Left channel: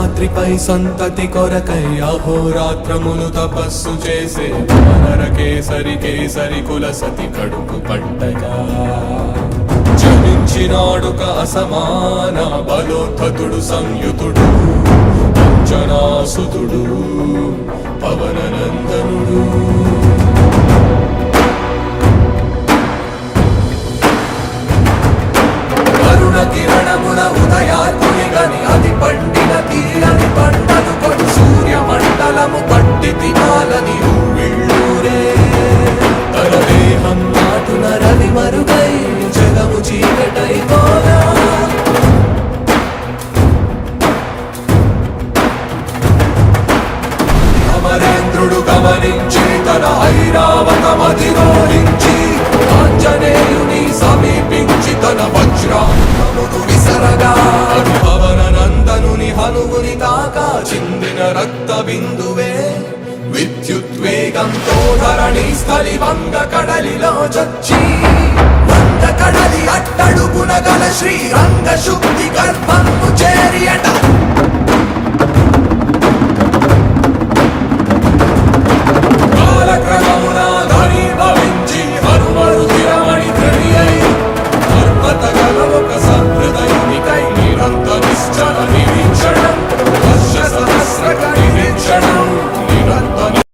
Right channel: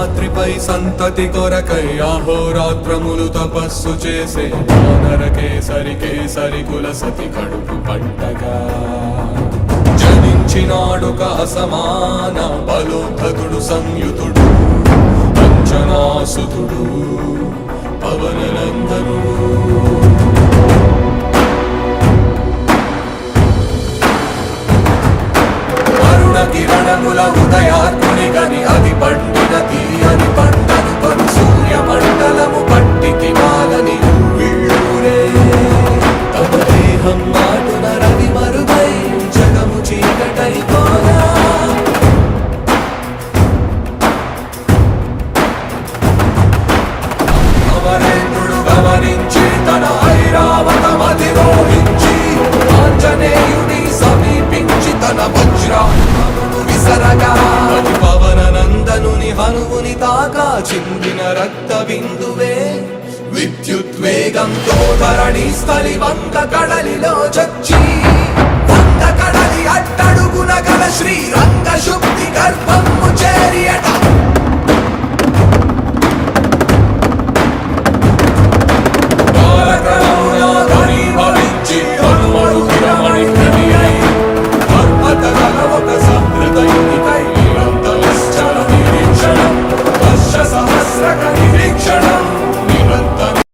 శేషాద్రిపై సంతతి కొరకై అహోరాత్రములు తపస్సు చేసే వానర కేసరి కేసరి కుల సతి కడుపు పట్టగా జనించినాడొక అసమాన బలోద్ధతుడు సంయుతుడు అంజనాసుతుడు పవననందనుడు. కిరణముల ఉదయాత్ముని గని అది పండిన తీయని పంటను కొడు సూర్య మండలము పట్టి తినాలని ఊళ్ళూరే తన దేహం నాటున రవి మరుగై జగము చీకటై పోనా. అమరేంద్రుడు గమనించి తన ఐరావతమధిరోహించి ఆంజనేయుని సమీపించి తన వజ్రాయుధమును విసరగా అది పవననందనుని హనుముని తాకా చిందిన రక్త బిందువే విద్యుద్వేగంతో ధరణి స్థలి వంద కడలిలో చచ్చి వంద కడలి అట్టడుగున గల శ్రీరంగ శుద్ధి గర్భము చేరియట